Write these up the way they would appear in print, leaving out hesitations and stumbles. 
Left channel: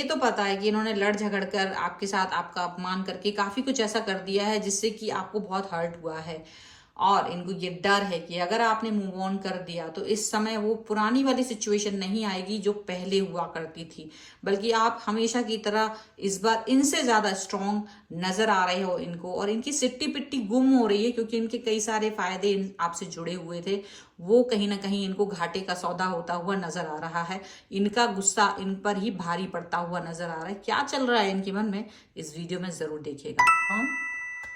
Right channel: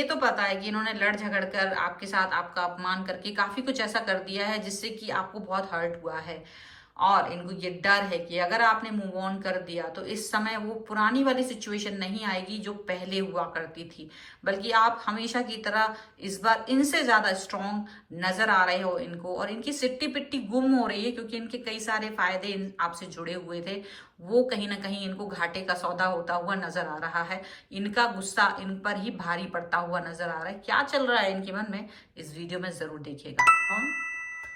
ये तो पता है कि इन्होंने लड़ झगड़ कर आपके साथ आपका अपमान करके काफी कुछ ऐसा कर दिया है जिससे कि आपको बहुत हर्ट हुआ है। और इनको ये डर है कि अगर आपने मूव ऑन कर दिया तो इस समय वो पुरानी वाली सिचुएशन नहीं आएगी जो पहले हुआ करती थी, बल्कि आप हमेशा की तरह इस बार इनसे ज्यादा स्ट्रांग नजर आ रहे हो इनको। और इनकी सिट्टी पिट्टी गुम हो रही है क्योंकि इनके कई सारे फायदे आपसे जुड़े हुए थे, वो कहीं ना कहीं इनको घाटे का सौदा होता हुआ नजर आ रहा है। इनका गुस्सा इन पर ही भारी पड़ता हुआ नजर आ रहा है। क्या चल रहा है इनके मन में, इस वीडियो में जरूर देखिएगा।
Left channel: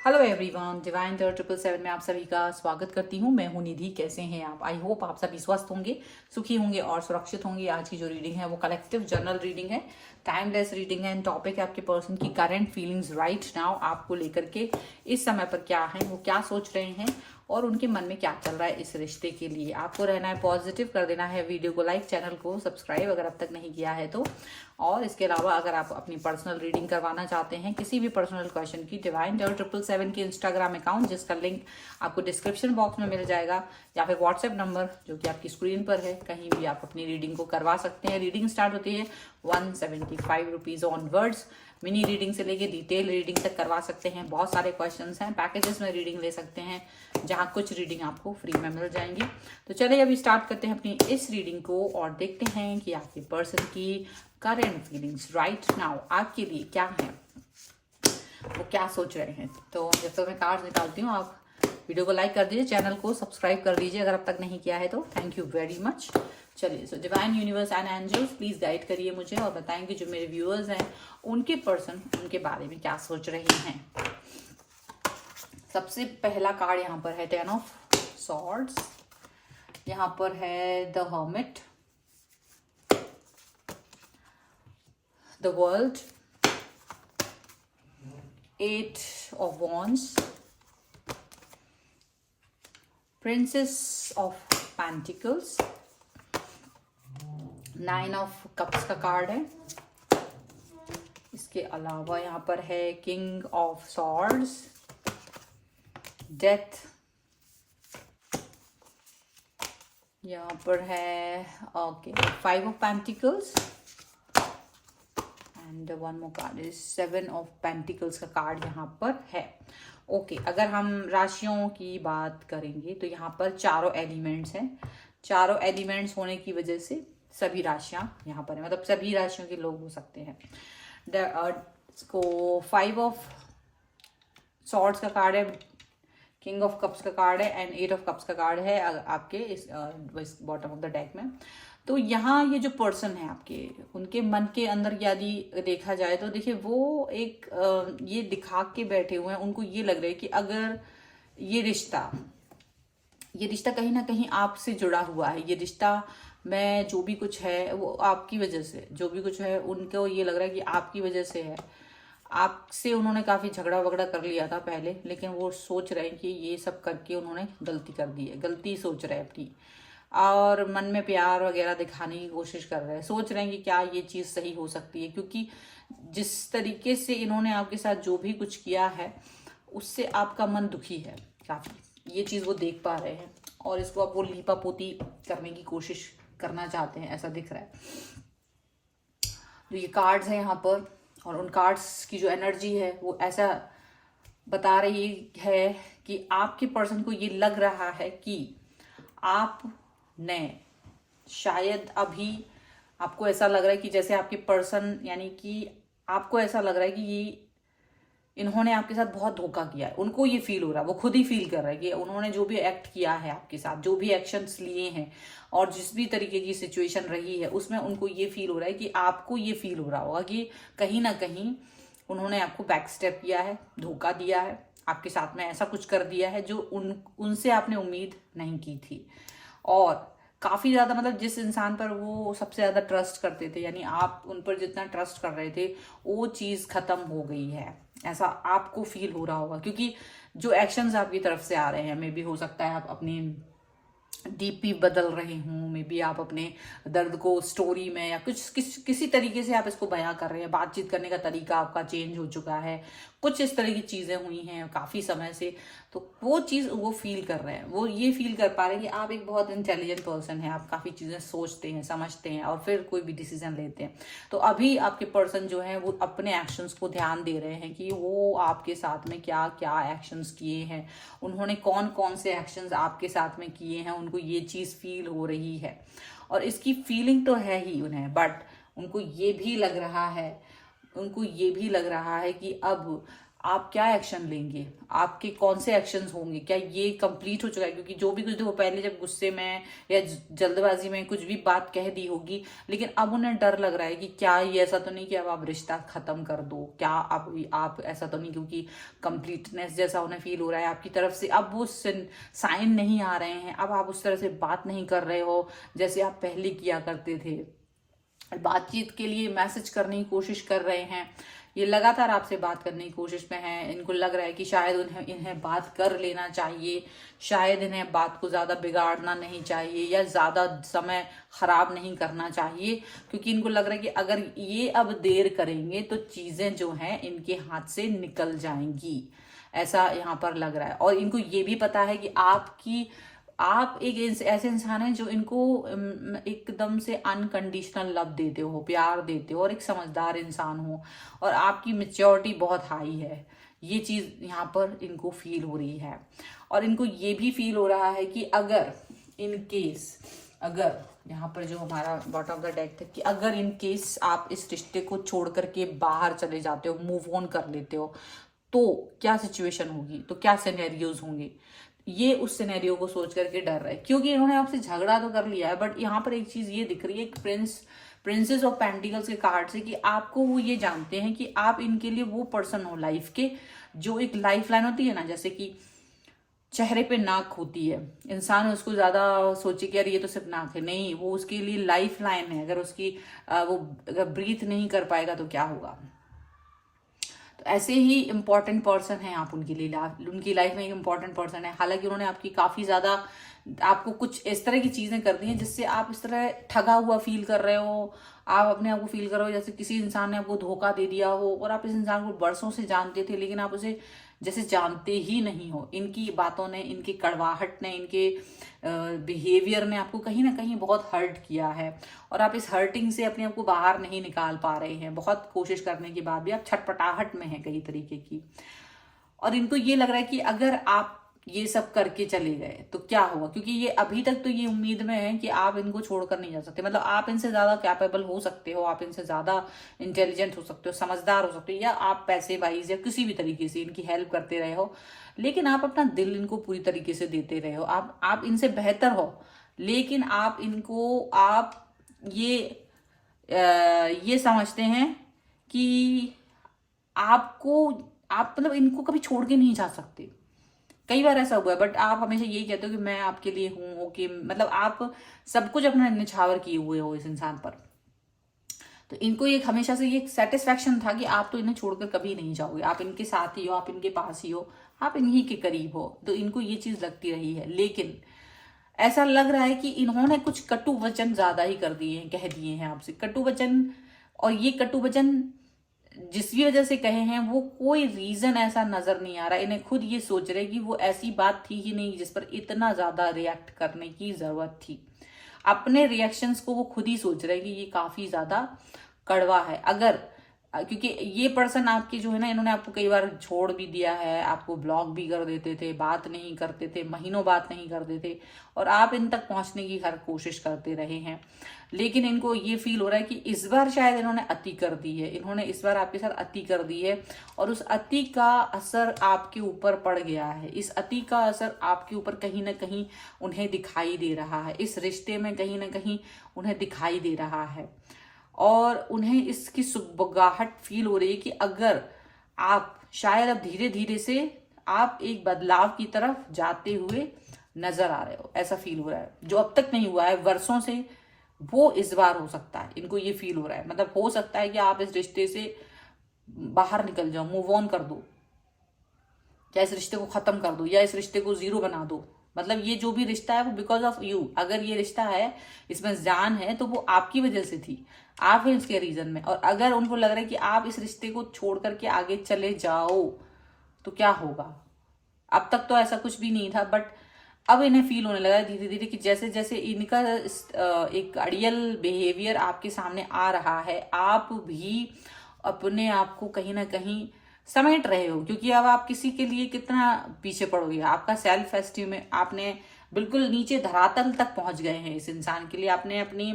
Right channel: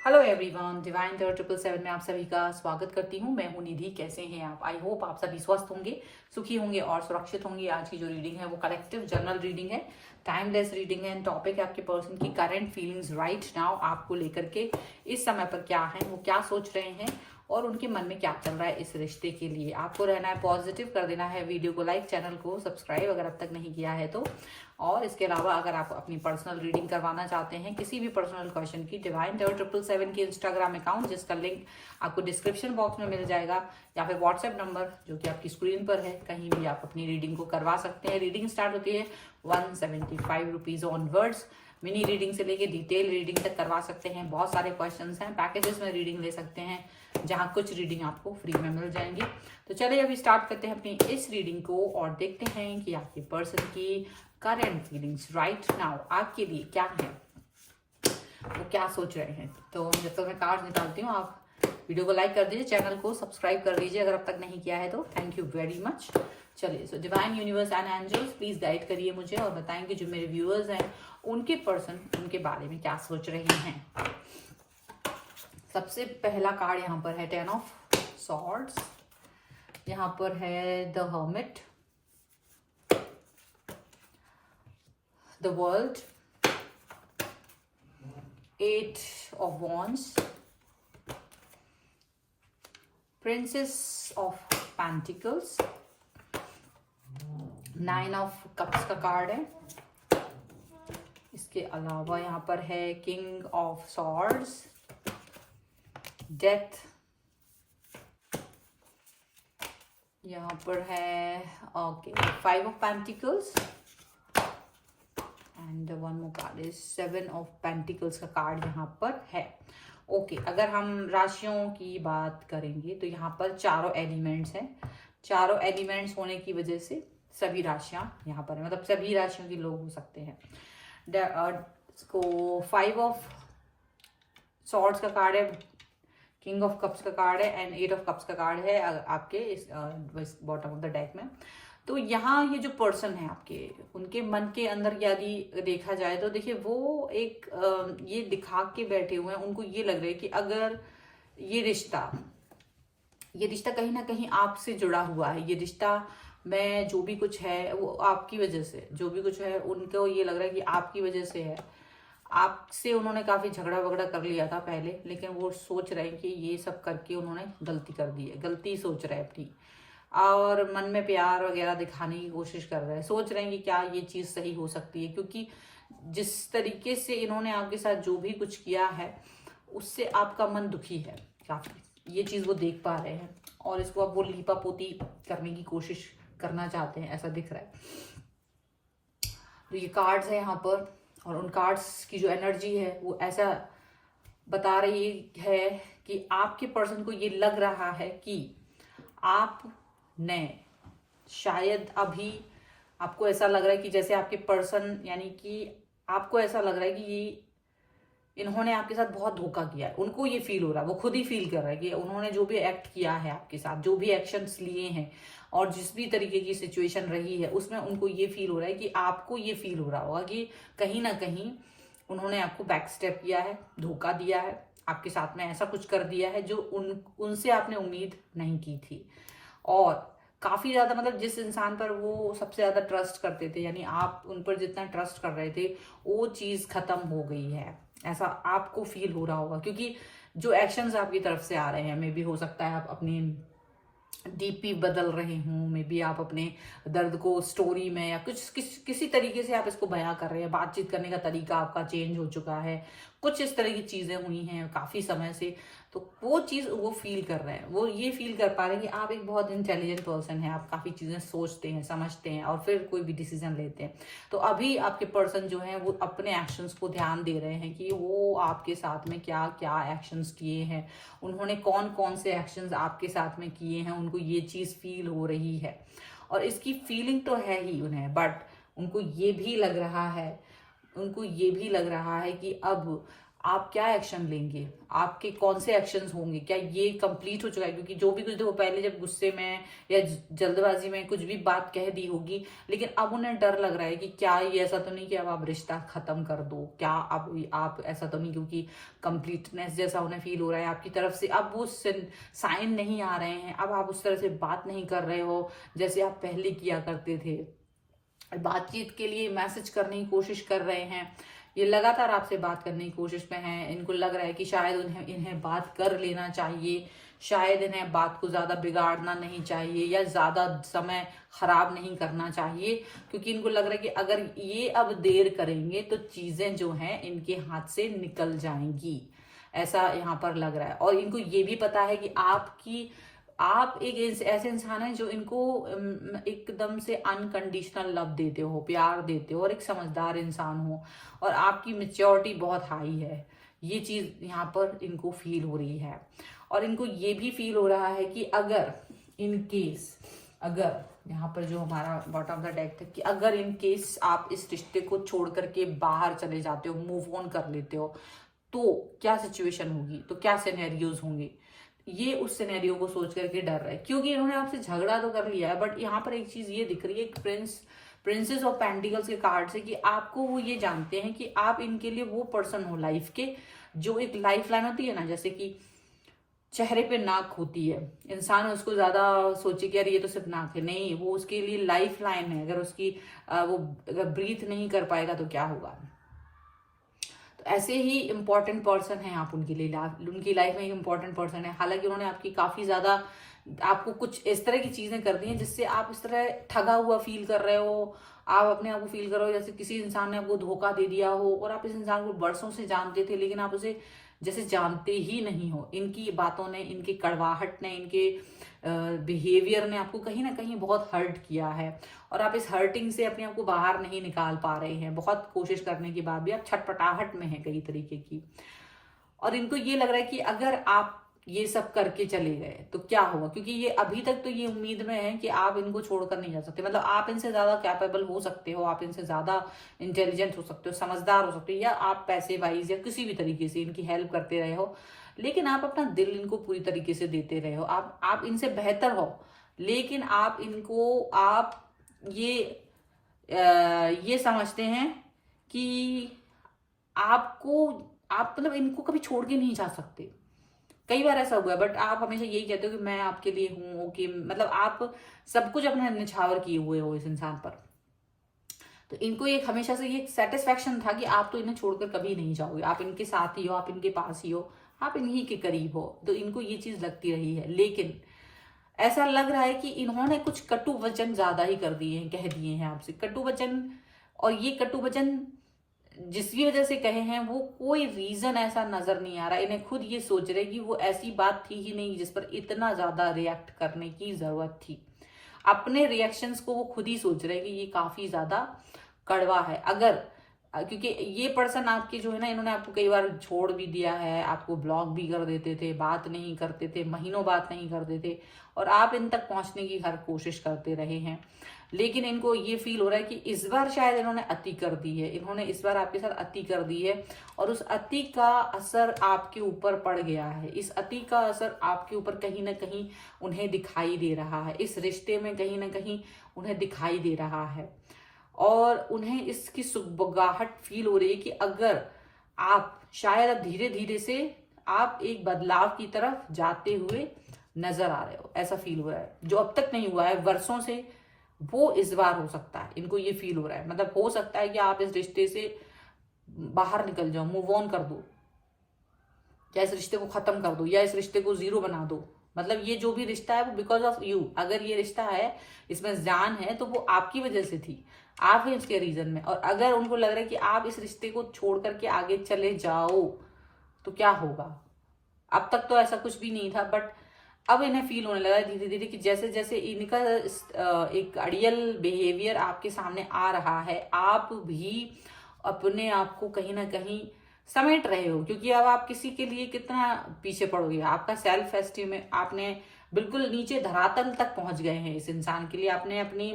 हेलो एवरीवन, डिवाइन 777 में आप सभी का स्वागत करती हूँ। मैं हूँ निधि। कैसे हैं आप? आई होप आप सभी स्वस्थ होंगे, सुखी होंगे और सुरक्षित होंगे। आज की जो रीडिंग है वो कलेक्टिव जर्नल रीडिंग है, टाइमलेस रीडिंग है। एंड टॉपिक है आपके पर्सन की करंट फीलिंग्स राइट नाउ, आपको लेकर के इस समय पर क्या है, वो क्या सोच रहे हैं और उनके मन में क्या चल रहा है इस रिश्ते के लिए। आपको रहना है पॉजिटिव, कर देना है वीडियो को लाइक, चैनल को सब्सक्राइब अगर अब तक नहीं किया है तो। और इसके अलावा अगर आप अपनी पर्सनल रीडिंग करवाना चाहते हैं किसी भी पर्सनल क्वेश्चन की, डिवाइन 777 की इंस्टाग्राम अकाउंट जिसका लिंक आपको डिस्क्रिप्शन बॉक्स में मिल जाएगा, या फिर व्हाट्सएप नंबर जो कि आपकी स्क्रीन पर है, कहीं भी आप अपनी रीडिंग को करवा सकते हैं। रीडिंग स्टार्ट होती है 175 रुपीज ऑनवर्ड्स। मिनी रीडिंग से लेके डिटेल रीडिंग तक करवा सकते हैं। बहुत सारे क्वेश्चंस हैं, पैकेजेस में रीडिंग ले सकते हैं जहां कुछ रीडिंग आपको फ्री में मिल जाएंगी। तो चलिए अभी स्टार्ट करते हैं अपनी इस रीडिंग को और देखते हैं कि आपकी पर्सन की करंट फीलिंग्स राइट नाउ आपके लिए क्या है, वो क्या सोच रहे हैं। तो जब तक मैं कार्ड निकालती हूँ, आप वीडियो को लाइक कर दीजिए, चैनल को सब्सक्राइब कर दीजिए अगर अब तक नहीं किया है तो। Thank you very much. चलिए, so divine universe and angels please guide करिए मुझे और बताएंगे जो मेरे व्यूअर्स हैं उनके पर्सन उनके बारे में क्या सोच रहे हैं। सबसे पहला कार्ड यहाँ पर है 10 ऑफ सॉर्ड्स, यहाँ पर है the hermit, the world, 8 of wands, princess of pentacles, 9 of cups का कार्ड है। इसके अलावा यहाँ पर है किंग ऑफ सॉर्ड्स, डेथ, यहाँ पर है okay 5 of pentacles and one more card is 7 of pentacles का कार्ड यहाँ पर है। ओके, अगर हम राशियों की बात करेंगे तो यहाँ पर चारों एलिमेंट्स हैं। चारों एलिमेंट्स होने की वजह से सभी राशियां यहाँ पर है, मतलब सभी राशियों के लोग हो सकते हैं। को 5 ऑफ सॉर्ड्स का कार्ड है, किंग ऑफ कप्स का कार्ड है एंड 8 ऑफ कप्स का कार्ड है आपके इस बॉटम ऑफ द डेक में। तो यहाँ ये जो पर्सन है आपके, उनके मन के अंदर यदि देखा जाए तो देखिए वो एक ये दिखा के बैठे हुए हैं। उनको ये लग रहा है कि अगर ये रिश्ता कहीं ना कहीं आपसे जुड़ा हुआ है, ये रिश्ता में जो भी कुछ है वो आपकी वजह से, जो भी कुछ है उनको ये लग रहा है कि आपकी वजह से है। आपसे उन्होंने काफी झगड़ा वगड़ा कर लिया था पहले, लेकिन वो सोच रहे हैं कि ये सब करके उन्होंने गलती कर दी है, गलती सोच रहे हैं अपनी, और मन में प्यार वगैरह दिखाने की कोशिश कर रहे हैं। सोच रहे हैं कि क्या ये चीज सही हो सकती है, क्योंकि जिस तरीके से इन्होंने आपके साथ जो भी कुछ किया है उससे आपका मन दुखी है काफी, ये चीज वो देख पा रहे हैं और इसको अब वो लीपा पोती करने की कोशिश करना चाहते हैं, ऐसा दिख रहा है। तो ये कार्ड्स है यहाँ पर, और उन कार्ड्स की जो एनर्जी है वो ऐसा बता रही है कि आपके पर्सन को ये लग रहा है कि आपने शायद अभी, आपको ऐसा लग रहा है कि जैसे आपके पर्सन, यानी कि आपको ऐसा लग रहा है कि ये इन्होंने आपके साथ बहुत धोखा किया है। उनको ये फील हो रहा है, वो खुद ही फील कर रहा है कि उन्होंने जो भी एक्ट किया है आपके साथ, जो भी एक्शंस लिए हैं और जिस भी तरीके की सिचुएशन रही है उसमें उनको ये फील हो रहा है कि आपको ये फील हो रहा होगा कि कहीं ना कहीं उन्होंने आपको बैक स्टेप किया है, धोखा दिया है, आपके साथ में ऐसा कुछ कर दिया है जो उनसे आपने उम्मीद नहीं की थी। और काफी ज्यादा, मतलब जिस इंसान पर वो सबसे ज्यादा ट्रस्ट करते थे, यानी आप उन पर जितना ट्रस्ट कर रहे थे वो चीज खत्म हो गई है, ऐसा आपको फील हो रहा होगा। क्योंकि जो एक्शंस आपकी तरफ से आ रहे हैं, मे भी हो सकता है आप अपनी डीपी बदल रहे हों, मे बी आप अपने दर्द को स्टोरी में या किसी तरीके से आप इसको बयां कर रहे हैं, बातचीत करने का तरीका आपका चेंज हो चुका है, कुछ इस तरह की चीजें हुई हैं काफी समय से, तो वो चीज वो फील कर रहे हैं, वो ये फील कर पा रहे हैं कि आप एक बहुत इंटेलिजेंट पर्सन हैं, आप काफी चीजें सोचते हैं, समझते हैं और फिर कोई भी डिसीजन लेते हैं। तो अभी आपके पर्सन जो है वो अपने एक्शंस को ध्यान दे रहे हैं कि वो आपके साथ में क्या क्या एक्शंस किए हैं, उन्होंने कौन कौन से एक्शंस आपके साथ में किए हैं, उनको ये चीज फील हो रही है। और इसकी फीलिंग तो है ही उन्हें, बट उनको ये भी लग रहा है, उनको ये भी लग रहा है कि अब आप क्या एक्शन लेंगे, आपके कौन से एक्शंस होंगे, क्या ये कंप्लीट हो चुका है, क्योंकि जो भी कुछ वो पहले जब गुस्से में या जल्दबाजी में कुछ भी बात कह दी होगी, लेकिन अब उन्हें डर लग रहा है कि क्या ये ऐसा तो नहीं कि अब आप रिश्ता खत्म कर दो, क्या आप ऐसा तो नहीं, क्योंकि कंप्लीटनेस जैसा उन्हें फील हो रहा है आपकी तरफ से, अब वो साइन नहीं आ रहे हैं, अब आप उस तरह से बात नहीं कर रहे हो जैसे आप पहले किया करते थे, बातचीत के लिए मैसेज करने की कोशिश कर रहे हैं, ये लगातार आपसे बात करने की कोशिश में है। इनको लग रहा है कि शायद इन्हें बात कर लेना चाहिए, शायद इन्हें बात को ज्यादा बिगाड़ना नहीं चाहिए या ज्यादा समय खराब नहीं करना चाहिए, क्योंकि इनको लग रहा है कि अगर ये अब देर करेंगे तो चीजें जो हैं इनके हाथ से निकल जाएंगी, ऐसा यहाँ पर लग रहा है। और इनको ये भी पता है कि आप एक ऐसे इंसान हैं जो इनको एकदम से अनकंडीशनल लव देते हो, प्यार देते हो और एक समझदार इंसान हो, और आपकी मेच्योरिटी बहुत हाई है, ये चीज यहाँ पर इनको फील हो रही है। और इनको ये भी फील हो रहा है कि अगर इन केस, अगर यहाँ पर जो हमारा बॉटम ऑफ द डेक था कि अगर इन केस आप इस रिश्ते को छोड़ करके बाहर चले जाते हो, मूव ऑन कर लेते हो, तो क्या सिचुएशन होगी, तो क्या सिनेरियोज होंगे, ये उस सिनेरियो को सोच करके डर रहा है, क्योंकि इन्होंने आपसे झगड़ा तो कर लिया है, बट यहाँ पर एक चीज ये दिख रही है, प्रिंसेस ऑफ पेंटिकल्स के कार्ड से, कि आपको वो ये जानते हैं कि आप इनके लिए वो पर्सन हो लाइफ के, जो एक लाइफ लाइन होती है ना, जैसे कि चेहरे पे नाक होती है, इंसान उसको ज्यादा सोचे कि यार ये तो सिर्फ नाक है, नहीं, वो उसके लिए लाइफ लाइन है, अगर उसकी वो अगर ब्रीथ नहीं कर पाएगा तो क्या होगा। तो ऐसे ही इंपॉर्टेंट पर्सन है आप उनके लिए, उनकी लाइफ में एक इंपॉर्टेंट पर्सन है। हालांकि उन्होंने आपकी काफी ज्यादा आपको कुछ इस तरह की चीजें कर दी हैं जिससे आप इस तरह ठगा हुआ फील कर रहे हो, आप अपने आप को फील कर रहे हो जैसे किसी इंसान ने आपको धोखा दे दिया हो, और आप इस इंसान को बरसों से जानते थे लेकिन आप उसे जैसे जानते ही नहीं हो। इनकी बातों ने, इनकी कड़वाहट ने, इनके बिहेवियर ने आपको कहीं ना कहीं बहुत हर्ट किया है, और आप इस हर्टिंग से अपने आप को बाहर नहीं निकाल पा रहे हैं। बहुत कोशिश करने के बाद भी आप छटपटाहट में हैं कई तरीके की, और इनको ये लग रहा है कि अगर आप ये सब करके चले गए तो क्या होगा, क्योंकि ये अभी तक तो ये उम्मीद में है कि आप इनको छोड़कर नहीं जा सकते, मतलब आप इनसे ज्यादा कैपेबल हो सकते हो, आप इनसे ज्यादा इंटेलिजेंट हो सकते हो, समझदार हो सकते हो, या आप पैसे वाइज या किसी भी तरीके से इनकी हेल्प करते रहे हो, लेकिन आप अपना दिल इनको पूरी तरीके से देते रहे हो, आप इनसे बेहतर हो, लेकिन आप इनको ये समझते हैं कि आप मतलब इनको कभी छोड़ के नहीं जा सकते। कई बार ऐसा हुआ है, बट आप हमेशा यही कहते हो कि मैं आपके लिए हूं, ओके, मतलब आप सब कुछ अपना निछावर किए हुए हो इस इंसान पर। तो इनको एक हमेशा से ये सेटिस्फेक्शन था कि आप तो इन्हें छोड़कर कभी नहीं जाओगे, आप इनके साथ ही हो, आप इनके पास ही हो, आप इन्हीं के करीब हो, तो इनको ये चीज लगती रही है। लेकिन ऐसा लग रहा है कि इन्होंने कुछ कटु वचन ज्यादा ही कर दिए हैं, कह दिए हैं आपसे कटु वचन, और ये कटु वचन जिस भी वजह से कहे हैं वो कोई रीजन ऐसा नजर नहीं आ रहा। इन्हें खुद ये सोच रहे कि वो ऐसी बात थी ही नहीं जिस पर इतना ज्यादा रिएक्ट करने की जरूरत थी। अपने रिएक्शंस को वो खुद ही सोच रहे कि ये काफी ज्यादा कड़वा है। अगर क्योंकि ये पर्सन आपकी जो है ना, इन्होंने आपको कई बार छोड़ भी दिया है, आपको ब्लॉक भी कर देते थे, बात नहीं करते थे, महीनों बात नहीं करते थे, और आप इन तक पहुंचने की हर कोशिश करते रहे हैं। लेकिन इनको ये फील हो रहा है कि इस बार शायद इन्होंने अति कर दी है, इन्होंने इस बार आपके साथ अति कर दी है, और उस अति का असर आपके ऊपर पड़ गया है। इस अति का असर आपके ऊपर कहीं ना कहीं उन्हें दिखाई दे रहा है, इस रिश्ते में कहीं ना कहीं उन्हें दिखाई दे रहा है, और उन्हें इसकी सुगबुगाहट फील हो रही है कि अगर आप शायद अब धीरे धीरे से आप एक बदलाव की तरफ जाते हुए नजर आ रहे हो, ऐसा फील हो रहा है। जो अब तक नहीं हुआ है वर्षों से, वो इस बार हो सकता है, इनको ये फील हो रहा है। मतलब हो सकता है कि आप इस रिश्ते से बाहर निकल जाओ, मूव ऑन कर दो, या इस रिश्ते को खत्म कर दो, या इस रिश्ते को जीरो बना दो, मतलब ये जो भी रिश्ता है वो बिकॉज ऑफ यू, अगर ये रिश्ता है इसमें जान है तो वो आपकी वजह से थी, आप हैं इसके रीजन में। और अगर उनको लग रहा है कि आप इस रिश्ते को छोड़ करके आगे चले जाओ तो क्या होगा, अब तक तो ऐसा कुछ भी नहीं था, बट अब इन्हें फील होने लगा धीरे धीरे कि जैसे जैसे इनका एक अड़ियल बिहेवियर आपके सामने आ रहा है, आप भी अपने आप को कहीं ना कहीं समेट रहे हो, क्योंकि अब आप किसी के लिए कितना पीछे पड़ोगे, आपका सेल्फ एस्टीम में आपने बिल्कुल नीचे धरातल तक पहुंच गए हैं इस इंसान के लिए, आपने अपनी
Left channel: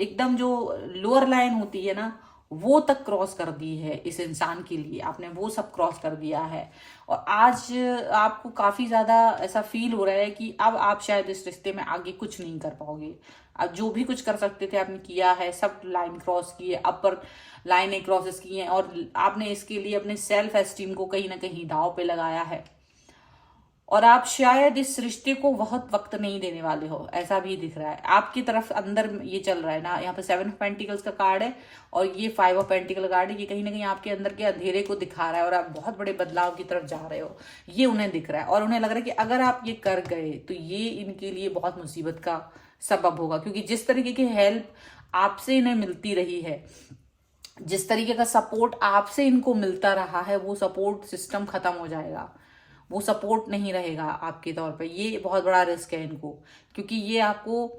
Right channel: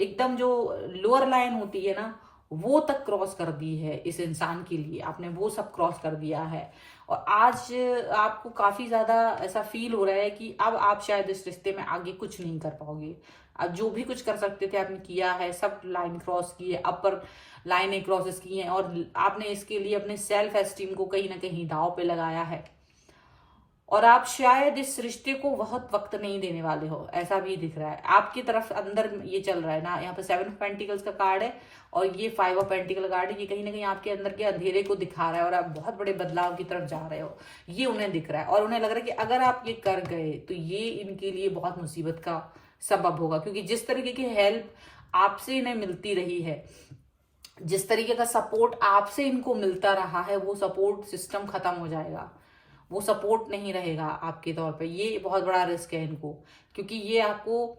एकदम जो लोअर लाइन होती है ना वो तक क्रॉस कर दी है इस इंसान के लिए, आपने वो सब क्रॉस कर दिया है। और आज आपको काफी ज्यादा ऐसा फील हो रहा है कि अब आप शायद इस रिश्ते में आगे कुछ नहीं कर पाओगे, अब जो भी कुछ कर सकते थे आपने किया है, सब लाइन क्रॉस की है, अपर लाइनें क्रॉसेस की हैं, और आपने इसके लिए अपने सेल्फ एस्टीम को कहीं ना कहीं दांव पे लगाया है। और आप शायद इस रिश्ते को बहुत वक्त नहीं देने वाले हो, ऐसा भी दिख रहा है आपकी तरफ अंदर ये चल रहा है ना। यहाँ पे 7 ऑफ पेंटिकल्स का कार्ड है और ये 5 ऑफ पेंटिकल कार्ड है, ये कहीं ना कहीं आपके अंदर के अंधेरे को दिखा रहा है और आप बहुत बड़े बदलाव की तरफ जा रहे हो, ये उन्हें दिख रहा है। और उन्हें लग रहा है कि अगर आप ये कर गए तो ये इनके लिए बहुत मुसीबत का सबब होगा, क्योंकि जिस तरीके की हेल्प आपसे इन्हें मिलती रही है, जिस तरीके का सपोर्ट आपसे इनको मिलता रहा है, वो सपोर्ट सिस्टम खत्म हो जाएगा, वो सपोर्ट नहीं रहेगा आपके तौर पे। ये बहुत बड़ा रिस्क है इनको, क्योंकि ये आपको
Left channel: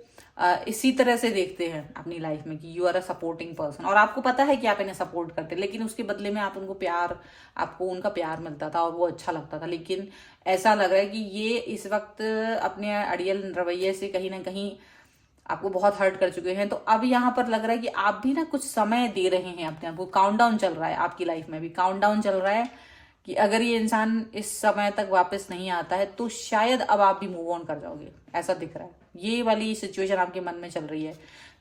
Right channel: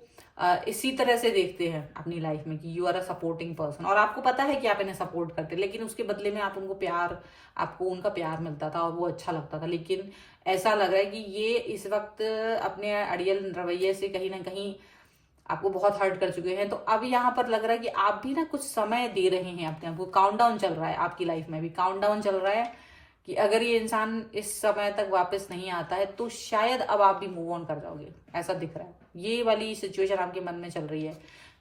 इसी तरह से देखते हैं अपनी लाइफ में कि you are a supporting person, और आपको पता है कि आप इन्हें सपोर्ट करते, लेकिन उसके बदले में आप उनको प्यार, आपको उनका प्यार मिलता था और वो अच्छा लगता था। लेकिन ऐसा लग रहा है कि ये इस वक्त अपने अड़ियल रवैये से कहीं ना कहीं आपको बहुत हर्ट कर चुके हैं। तो अब यहाँ पर लग रहा है कि आप भी ना कुछ समय दे रहे हैं अपने आप को, काउंटडाउन चल रहा है आपकी लाइफ में भी, काउंटडाउन चल रहा है कि अगर ये इंसान इस समय तक वापस नहीं आता है तो शायद अब आप भी मूव ऑन कर जाओगे, ऐसा दिख रहा है। ये वाली सिचुएशन आपके मन में चल रही है,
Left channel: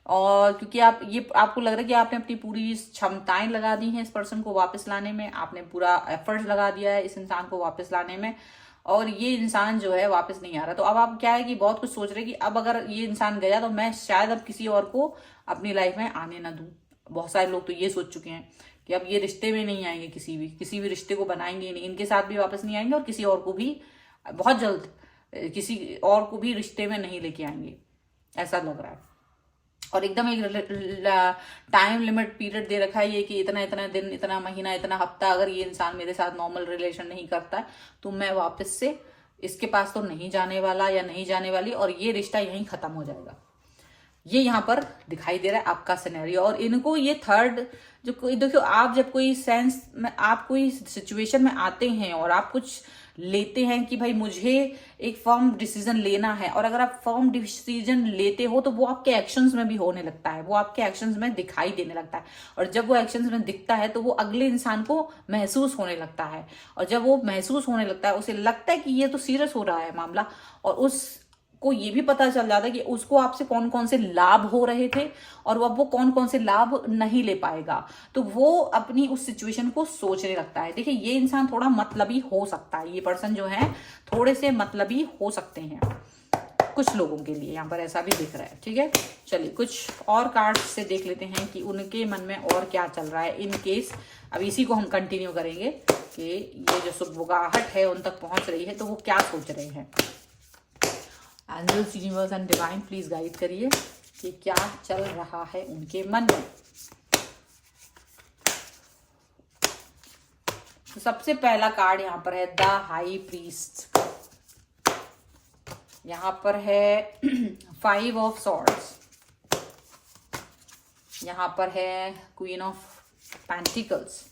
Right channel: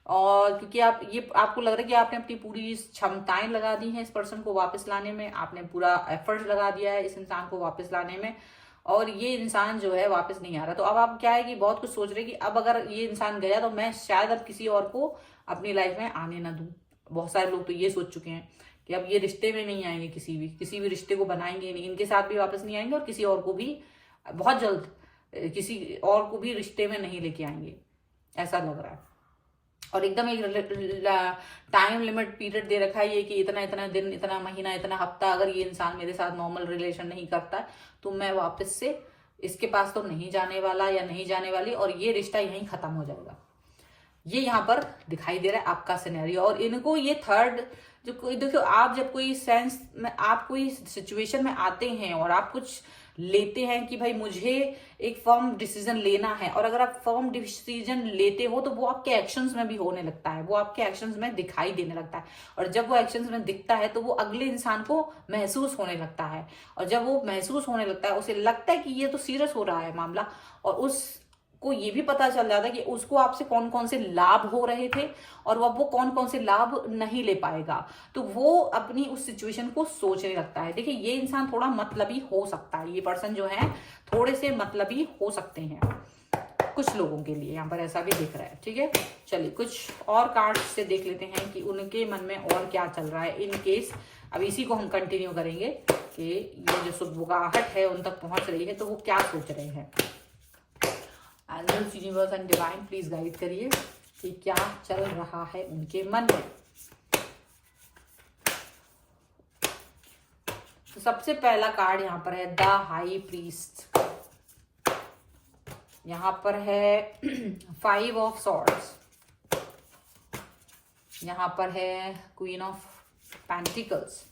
और क्योंकि आप ये आपको लग रहा है कि आपने अपनी पूरी क्षमताएं लगा दी हैं इस पर्सन को वापस लाने में, आपने पूरा एफर्ट लगा दिया है इस इंसान को वापस लाने में, और ये इंसान जो है वापस नहीं आ रहा। तो अब आप क्या है कि बहुत कुछ सोच रहे हैं कि अब अगर ये इंसान गया तो मैं शायद अब किसी और को अपनी लाइफ में आने ना दूं। बहुत सारे लोग तो ये सोच चुके हैं कि अब ये रिश्ते में नहीं आएंगे, किसी भी रिश्ते को बनाएंगे नहीं, इनके साथ भी वापस नहीं आएंगे और किसी और को भी बहुत जल्द किसी और को भी रिश्ते में नहीं लेके आएंगे, ऐसा लग रहा है। और एकदम एक टाइम लिमिट पीरियड दे रखा है ये कि इतना इतना दिन, इतना महीना, इतना हफ्ता अगर ये इंसान मेरे साथ नॉर्मल रिलेशन नहीं करता तो मैं वापस से इसके पास तो नहीं जाने वाला या नहीं जाने वाली, और ये रिश्ता यहीं खत्म हो जाएगा। ये यहाँ पर दिखाई दे रहा है आपका सिनेरियो। और इनको ये थर्ड जो देखो, आप जब कोई सेंस में, आप कोई सिचुएशन में आते हैं और आप कुछ लेते हैं कि भाई मुझे एक फर्म डिसीजन लेना है, और अगर आप फर्म डिसीजन लेते हो तो वो आपके एक्शंस में भी होने लगता है, वो आपके एक्शंस में दिखाई देने लगता है, और जब वो एक्शंस में दिखता है तो वो अगले इंसान को महसूस होने लगता है, और जब वो महसूस होने लगता है उसे लगता है कि ये तो सीरियस हो रहा है मामला, और उस को ये भी पता चल जाता है कि उसको आपसे कौन कौन से लाभ हो रहे थे और वो कौन कौन से लाभ नहीं ले पाएगा, तो वो अपनी उस सिचुएशन को सोचने लगता है। देखिए ये इंसान थोड़ा मतलबी हो सकता है, ये पर्सन जो है थोड़े से मतलबी हो सकते हैं कुछ लोगों के लिए, यहाँ पर ऐसा भी दिख रहा है। ठीक है, चलिए कुछ और कार्ड से देख लेते हैं कि उनके मन में और क्या चल रहा है इन केस। अब इसी को हम कंटिन्यू करेंगे कि ये जो सुबुगाहट है उन तक पहुंच रही है तो वो क्या सोच रहे हैं। Angels, universe and divine please guide करिए कि क्या चल रहा है उनके मन में। तो सबसे पहला कार्ड यहाँ पर है द हाई प्रीस्ट, यहाँ पर है 5 ऑफ सॉर्ड्स, यहाँ पर है क्वीन ऑफ पेंटिकल्स,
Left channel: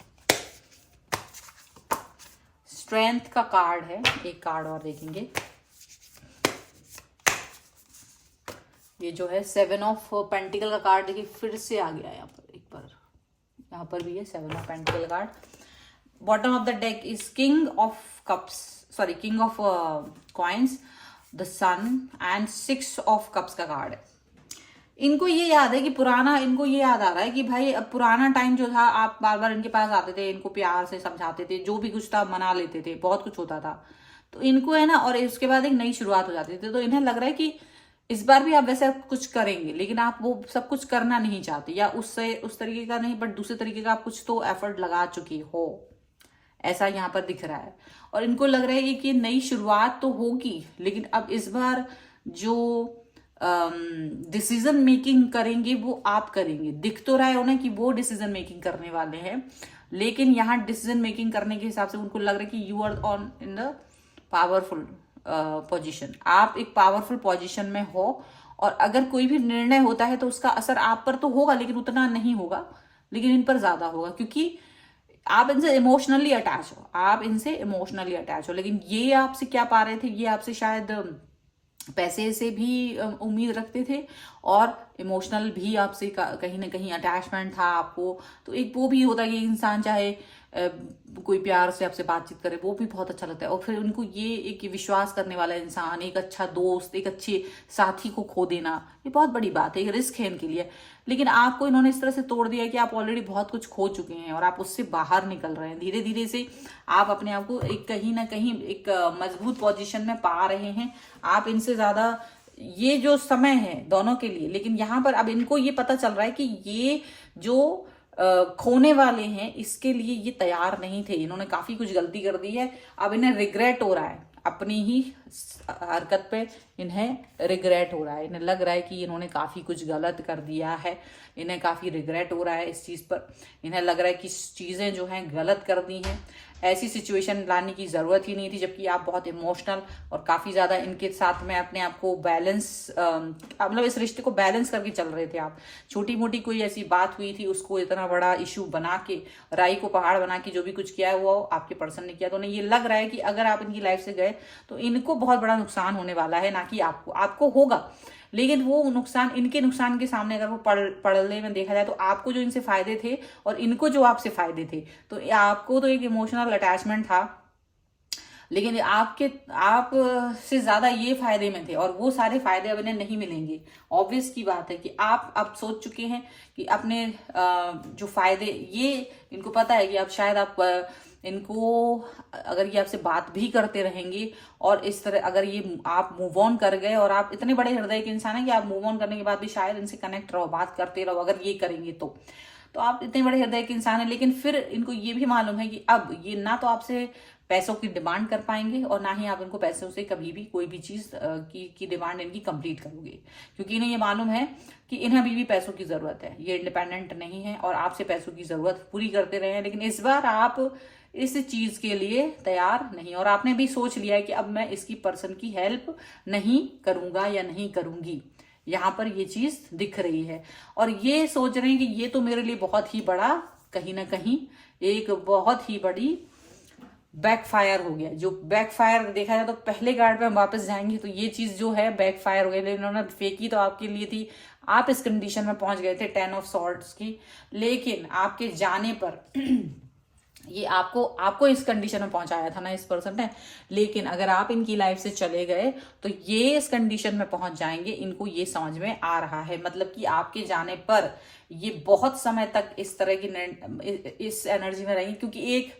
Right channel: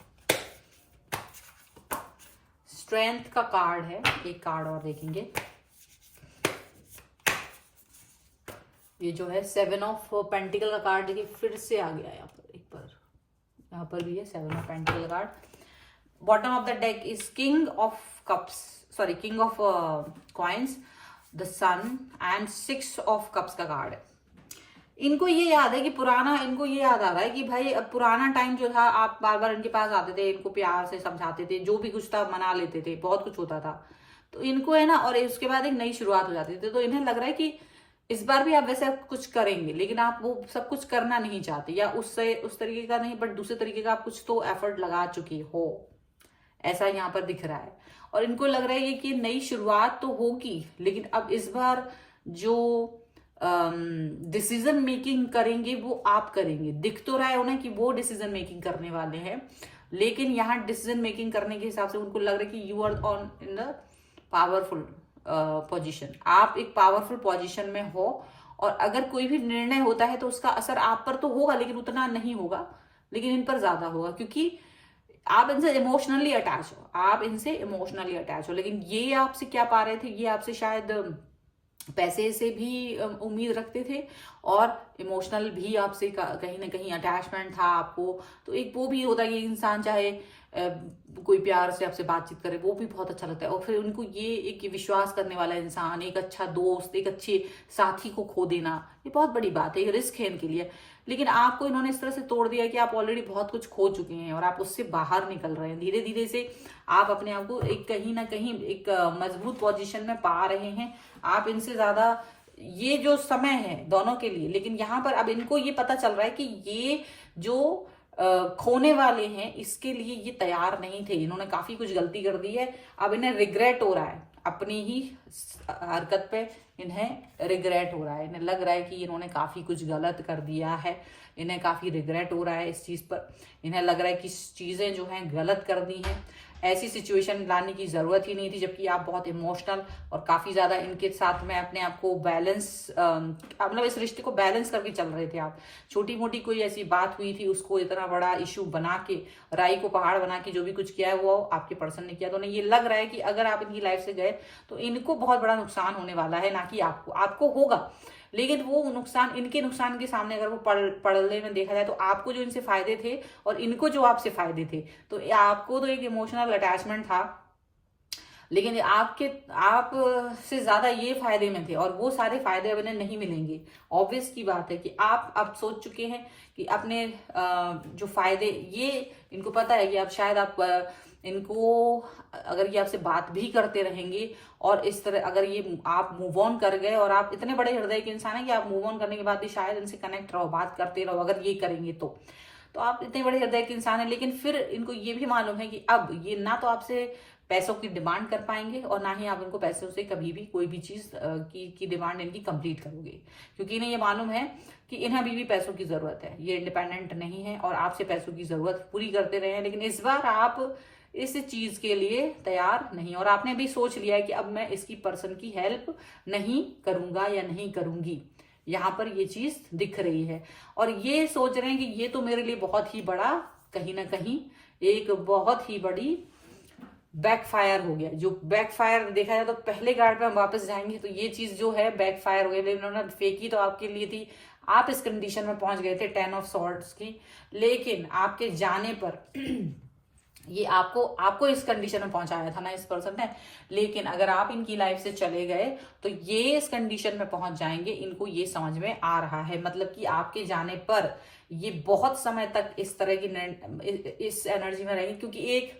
स्ट्रेंथ का कार्ड है। एक कार्ड और देखेंगे, ये जो है 7 ऑफ पेंटिकल का कार्ड, देखिए फिर से आ गया यहाँ पर, एक बार यहाँ पर भी है 7 of pentacle card. Bottom of the deck is king of cups, sorry king of coins, the sun and 6 of cups का कार्ड है। इनको ये याद है कि पुराना, इनको ये याद आ रहा है कि भाई अब पुराना टाइम जो था, आप बार बार इनके पास आते थे, इनको प्यार से समझाते थे, जो भी कुछ था मना लेते थे, बहुत कुछ होता था, तो इनको है ना, और उसके बाद एक नई शुरुआत हो जाती थी, तो इन्हें लग रहा है कि इस बार भी आप वैसे कुछ करेंगे, लेकिन आप वो सब कुछ करना नहीं चाहते, या उससे उस तरीके का नहीं, बट दूसरे तरीके का आप कुछ तो एफर्ट लगा चुके हो, ऐसा यहाँ पर दिख रहा है। और इनको लग रहा है कि नई शुरुआत तो होगी, लेकिन अब इस बार जो डिसीजन मेकिंग करेंगे वो आप करेंगे। दिख तो रहा है उन्हें कि वो डिसीजन मेकिंग करने वाले हैं, लेकिन यहाँ डिसीजन मेकिंग करने के हिसाब से उनको लग रहा है कि you are on in the powerful position. आप एक पावरफुल पोजीशन में हो, और अगर कोई भी निर्णय होता है तो उसका असर आप पर तो होगा, लेकिन उतना नहीं होगा, लेकिन इन पर ज्यादा होगा, क्योंकि आप इनसे इमोशनली अटैच हो, आप इनसे इमोशनली अटैच हो। लेकिन ये आपसे क्या पा रहे थे, ये आपसे शायद पैसे से भी उम्मीद रखते थे, और इमोशनल भी आपसे कहीं ना कहीं अटैचमेंट था आपको। तो एक वो भी होता है कि इंसान चाहे कोई प्यार से आपसे बातचीत करे, वो भी बहुत अच्छा लगता है। और फिर उनको ये एक विश्वास करने वाला इंसान, एक अच्छा दोस्त, एक अच्छे साथी को खो देना, ये बहुत बड़ी बात है, ये रिस्क है इनके लिए। लेकिन आपको इन्होंने इस तरह से तोड़ दिया कि आप ऑलरेडी बहुत कुछ खो चुके हैं और आप उससे बाहर निकल रहे हैं। धीरे धीरे से आप अपने आप को एक कहीं ना कहीं एक मजबूत पोजीशन में पा रहे हैं। आप इनसे ज्यादा, ये जो समय है दोनों के लिए, लेकिन यहाँ पर अब इनको ये पता चल रहा है कि ये जो खोने वाले हैं इसके लिए ये तैयार नहीं थे, इन्होंने काफी कुछ गलती कर दी है। अब इन्हें रिग्रेट हो रहा है, अपनी ही हरकत पे इन्हें रिग्रेट हो रहा है। इन्हें लग रहा है कि इन्होंने काफी कुछ गलत कर दिया है, इन्हें काफी रिग्रेट हो रहा है इस चीज पर। इन्हें लग रहा है कि चीजें जो हैं गलत कर दी हैं, ऐसी सिचुएशन लाने की जरूरत ही नहीं थी, जबकि आप बहुत इमोशनल और काफी ज्यादा इनके साथ में अपने आप को बैलेंस, मतलब इस रिश्ते को बैलेंस करके चल रहे थे आप। छोटी मोटी कोई ऐसी बात हुई थी, उसको इतना बड़ा इशू बना के, राई को पहाड़ बना के जो भी कुछ किया है वो आपके पर्सन ने किया। तो उन्हें ये लग रहा है कि अगर आप इनकी लाइफ से गए तो इनको बहुत बड़ा नुकसान होने वाला है, ना कि आपको होगा, लेकिन वो नुकसान, इनके नुकसान के सामने अगर वो पढ़ने में देखा जाए तो आपको जो इनसे फायदे थे और इनको जो आपसे फायदे थे, तो आपको तो एक इमोशनल अटैचमेंट था, लेकिन आप से ज्यादा ये फायदे में थे, और वो सारे फायदे अब इन्हें नहीं मिलेंगे। ऑब्वियस की बात है कि आप अब सोच चुके हैं कि अपने जो फायदे, ये इनको पता है कि अब शायद आप इनको, अगर ये आपसे बात भी करते रहेंगे और इस तरह अगर ये आप मूव ऑन कर गए, और आप इतने बड़े हृदय के इंसान हैं कि आप मूव ऑन करने के बाद भी शायद इनसे कनेक्ट रहो, बात करते रहो, अगर ये करेंगे तो आप इतने बड़े हृदय के इंसान हैं। लेकिन फिर इनको ये भी मालूम है कि अब ये ना तो आपसे पैसों की डिमांड कर पाएंगे, और ना ही आप इनको पैसों से कभी भी कोई भी चीज की डिमांड इनकी कंप्लीट करोगे, क्योंकि इन्हें ये मालूम है कि इन्हें अभी भी पैसों की जरूरत है, ये इंडिपेंडेंट नहीं है और आपसे पैसों की जरूरत पूरी करते रहे हैं। लेकिन इस बार आप इस चीज के लिए तैयार नहीं, और आपने भी सोच लिया है कि अब मैं इसकी पर्सन की हेल्प नहीं करूंगा या नहीं करूंगी। यहाँ पर ये चीज दिख रही है, और ये सोच रहे हैं कि ये तो मेरे लिए बहुत ही बड़ा, कहीं ना कहीं एक बहुत ही बड़ी बैकफायर हो गया। जो बैकफायर देखा जाए तो पहले कार्ड में हम वापस जाएंगे तो ये चीज जो है बैकफायर हो गई। इन्होंने फेंकी तो आपके लिए थी, आप इस कंडीशन में पहुंच गए थे 10 ऑफ सॉर्ड्स की, लेकिन आपके जाने पर ये आपको इस कंडीशन में पहुंचाया था ना इस पर्सन ने। लेकिन अगर आप इनकी लाइफ से चले गए तो ये इस कंडीशन में पहुंच जाएंगे, इनको ये समझ में आ रहा है। मतलब कि आपके जाने पर ये बहुत समय तक इस तरह की इस एनर्जी में रहेंगे, क्योंकि एक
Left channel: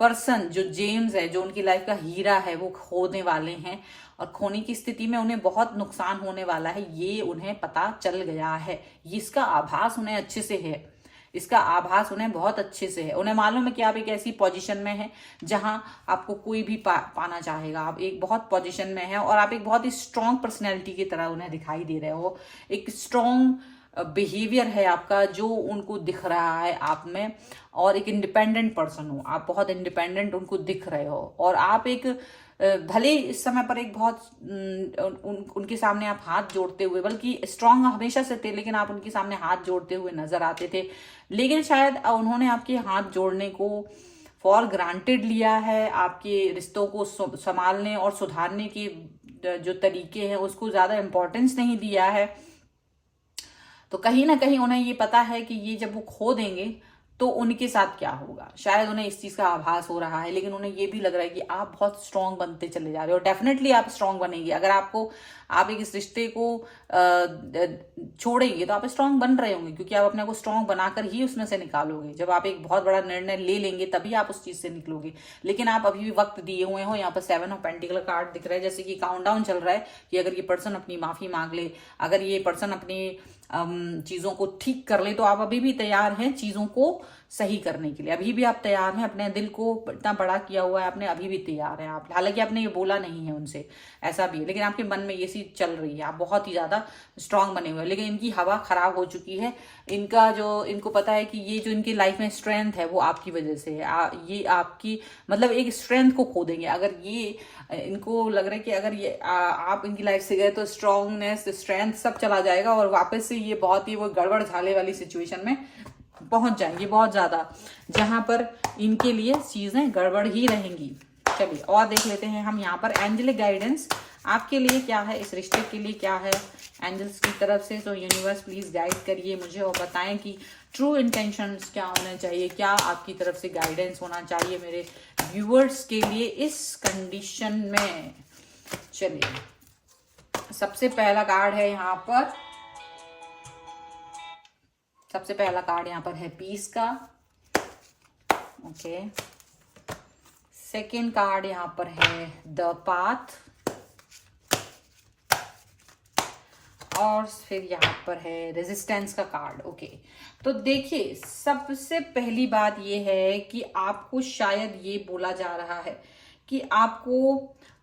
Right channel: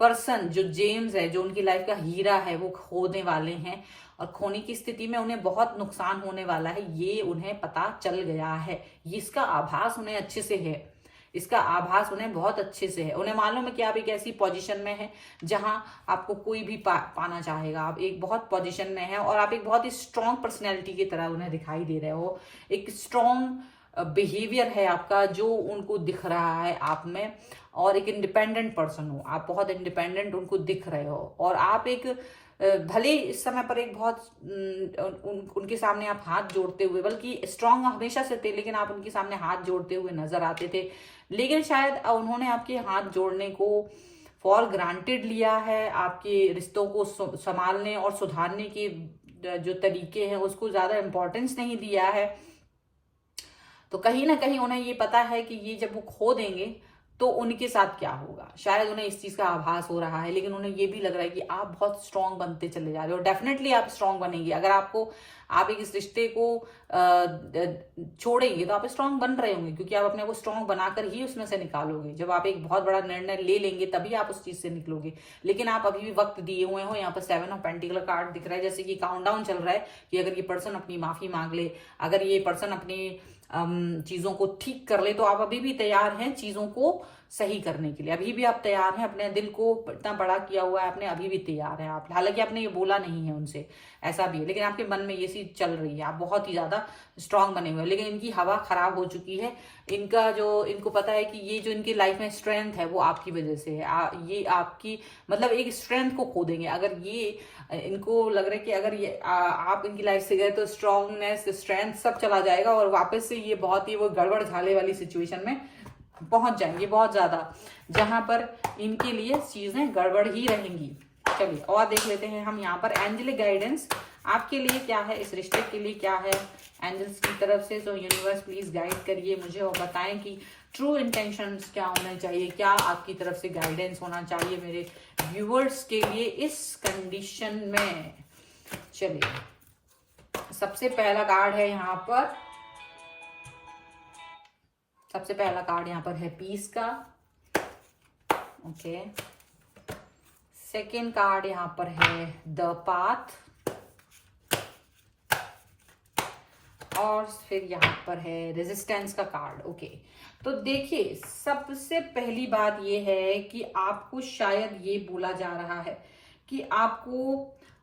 पर्सन जो जेम्स है, जो उनकी लाइफ का हीरा है, वो खोने वाले हैं, और खोने की स्थिति में उन्हें बहुत नुकसान होने वाला है, ये उन्हें पता चल गया है। इसका आभास उन्हें अच्छे से है, इसका आभास उन्हें बहुत अच्छे से है। उन्हें मालूम है कि आप एक ऐसी पोजीशन में हैं जहां आपको कोई भी पाना चाहेगा। आप एक बहुत पोजीशन में हैं और आप एक बहुत ही स्ट्रॉन्ग पर्सनैलिटी की तरह उन्हें दिखाई दे रहे हो। एक स्ट्रॉन्ग बिहेवियर है आपका जो उनको दिख रहा है आप में, और एक इंडिपेंडेंट पर्सन हो आप, बहुत इंडिपेंडेंट उनको दिख रहे हो। और आप एक भले इस समय पर एक बहुत उनके सामने आप हाथ जोड़ते हुए, बल्कि स्ट्रांग हमेशा से थे, लेकिन आप उनके सामने हाथ जोड़ते हुए नजर आते थे। लेकिन शायद उन्होंने आपके हाथ जोड़ने को फॉर ग्रांटेड लिया है, आपके रिश्तों को संभालने और सुधारने के जो तरीके हैं उसको ज्यादा इंपॉर्टेंस नहीं दिया है। तो कहीं ना कहीं उन्हें ये पता है कि ये जब वो खो देंगे तो उनके साथ क्या होगा, शायद उन्हें इस चीज का आभास हो रहा है। लेकिन उन्हें ये भी लग रहा है कि आप बहुत स्ट्रांग बनते चले जा रहे हो। डेफिनेटली आप स्ट्रांग बनेंगे। अगर आपको आप एक इस रिश्ते को छोड़ेंगे तो आप स्ट्रांग बन रहे होंगे, क्योंकि आप अपने को स्ट्रांग बनाकर ही उसमें से निकालोगे। जब आप एक बहुत बड़ा निर्णय ले लेंगे तभी आप उस चीज से निकलोगे। लेकिन आप अभी भी वक्त दिए हुए हो। यहाँ पर 7 ऑफ पेंटिकल कार्ड दिख रहा है, जैसे कि काउंटडाउन चल रहा है कि अगर ये पर्सन अपनी माफी मांग ले, अगर ये पर्सन अपनी चीजों को ठीक कर ले, तो आप अभी भी तैयार हैं चीजों को सही करने के लिए। अभी भी आप तैयार हैं, अपने दिल को इतना बड़ा किया हुआ है आपने, अभी भी तैयार हैं आप। हालांकि आपने ये बोला नहीं है उनसे, ऐसा भी, लेकिन आपके मन में ये चीज चल रही है। आप बहुत ही ज्यादा स्ट्रांग बने हुए हैं, लेकिन इनकी हवा खराब हो चुकी है। इनका जो, इनको पता है कि ये जो इनकी लाइफ में स्ट्रेंथ है वो आपकी वजह से है। ये आपकी मतलब एक स्ट्रेंथ को खो देंगे अगर ये, इनको लग रहा है कि अगर ये आप इनकी लाइफ से गए तो स्ट्रांगनेस, स्ट्रेंथ सब चला जाएगा और वापस से ये बहुत ही वो गड़बड़ झाले वाली सिचुएशन में पहुंच जाएंगे बहुत ज्यादा, जहां पर इनके लिए चीजें गड़बड़ ही रहेंगी। चलिए और देख लेते हैं हम यहाँ पर एंजेलिक गाइडेंस आपके लिए क्या है, इस रिश्ते के लिए क्या है एंजल्स की तरफ से। तो यूनिवर्स प्लीज गाइड करिए मुझे और बताएं कि ट्रू इंटेंशंस क्या होने चाहिए, क्या आपकी तरफ से गाइडेंस होना चाहिए मेरे व्यूअर्स के लिए इस कंडीशन में। चलिए सबसे पहला कार्ड है यहाँ पर, सबसे पहला कार्ड यहाँ पर है पीस का। ओके, सेकेंड कार्ड यहाँ पर है द पाथ, और फिर यहाँ पर है रेजिस्टेंस का कार्ड। ओके, तो देखिए सबसे पहली बात ये है कि आपको शायद ये बोला जा रहा है कि आपको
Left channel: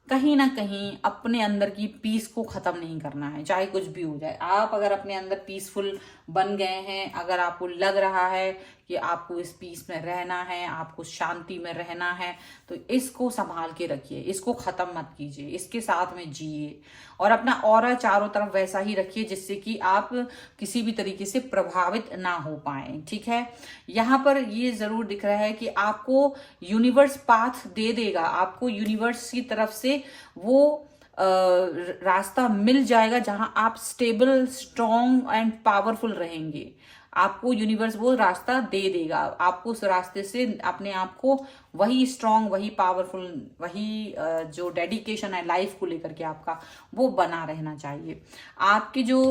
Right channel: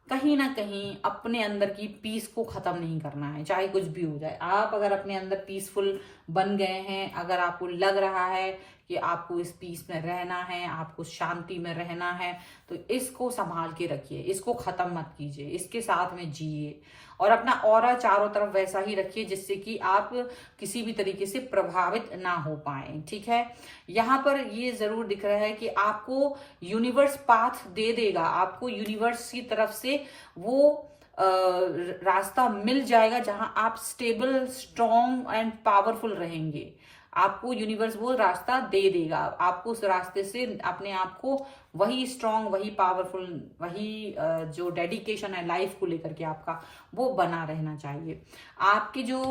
कहीं ना कहीं अपने अंदर की पीस को खत्म नहीं करना है, चाहे कुछ भी हो जाए। आप अगर अपने अंदर पीसफुल बन गए हैं, अगर आपको लग रहा है कि आपको इस पीस में रहना है, आपको शांति में रहना है, तो इसको संभाल के रखिए, इसको खत्म मत कीजिए, इसके साथ में जिए और अपना ऑरा चारों तरफ वैसा ही रखिए जिससे कि आप किसी भी तरीके से प्रभावित ना हो पाए। ठीक है, यहाँ पर ये जरूर दिख रहा है कि आपको यूनिवर्स पाथ दे देगा, आपको यूनिवर्स की तरफ से वो रास्ता मिल जाएगा जहां आप स्टेबल, स्ट्रॉन्ग एंड पावरफुल रहेंगे। आपको यूनिवर्स वो रास्ता दे देगा, आपको उस रास्ते से अपने आप को वही स्ट्रॉन्ग, वही पावरफुल, वही जो डेडिकेशन है लाइफ को लेकर के आपका, वो बना रहना चाहिए। आपके जो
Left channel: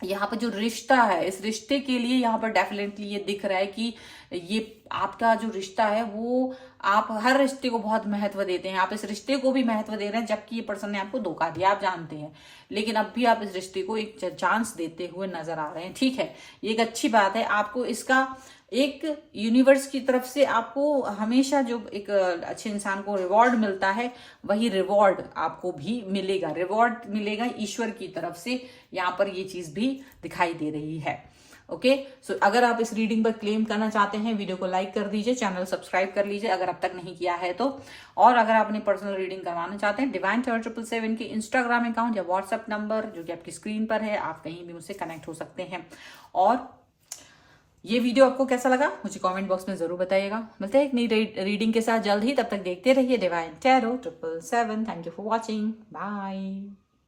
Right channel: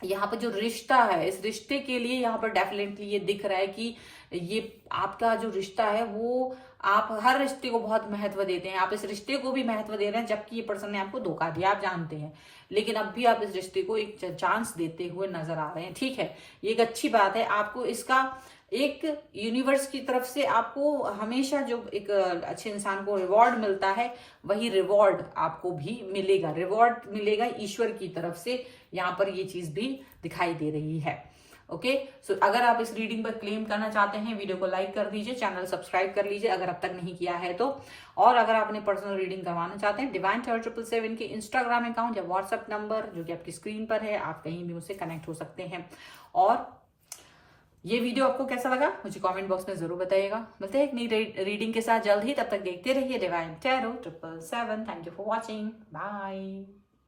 यहाँ पर जो रिश्ता है, इस रिश्ते के लिए यहाँ पर डेफिनेटली ये दिख रहा है कि ये आपका जो रिश्ता है वो, आप हर रिश्ते को बहुत महत्व देते हैं, आप इस रिश्ते को भी महत्व दे रहे हैं, जबकि ये पर्सन ने आपको धोखा दिया आप जानते हैं, लेकिन अब भी आप इस रिश्ते को एक चांस देते हुए नजर आ रहे हैं। ठीक है, ये एक अच्छी बात है। आपको इसका एक यूनिवर्स की तरफ से आपको हमेशा जो एक अच्छे इंसान को रिवॉर्ड मिलता है, वही रिवॉर्ड आपको भी मिलेगा, रिवॉर्ड मिलेगा ईश्वर की तरफ से। यहाँ पर ये चीज भी दिखाई दे रही है। ओके, सो अगर आप इस रीडिंग पर क्लेम करना चाहते हैं, वीडियो को लाइक कर दीजिए, चैनल सब्सक्राइब कर लीजिए अगर अब तक नहीं किया है तो। और अगर आप अपनी पर्सनल रीडिंग करवाना चाहते हैं, डिवाइन टारot 777 के इंस्टाग्राम अकाउंट या व्हाट्सएप नंबर जो कि आपकी स्क्रीन पर है, आप कहीं भी मुझसे कनेक्ट हो सकते हैं। और ये वीडियो आपको कैसा लगा मुझे कमेंट बॉक्स में जरूर बताइएगा। मिलते हैं एक नई रीडिंग के साथ जल्द ही, तब तक देखते रहिए divine tarot 777। Thank you for watching, bye.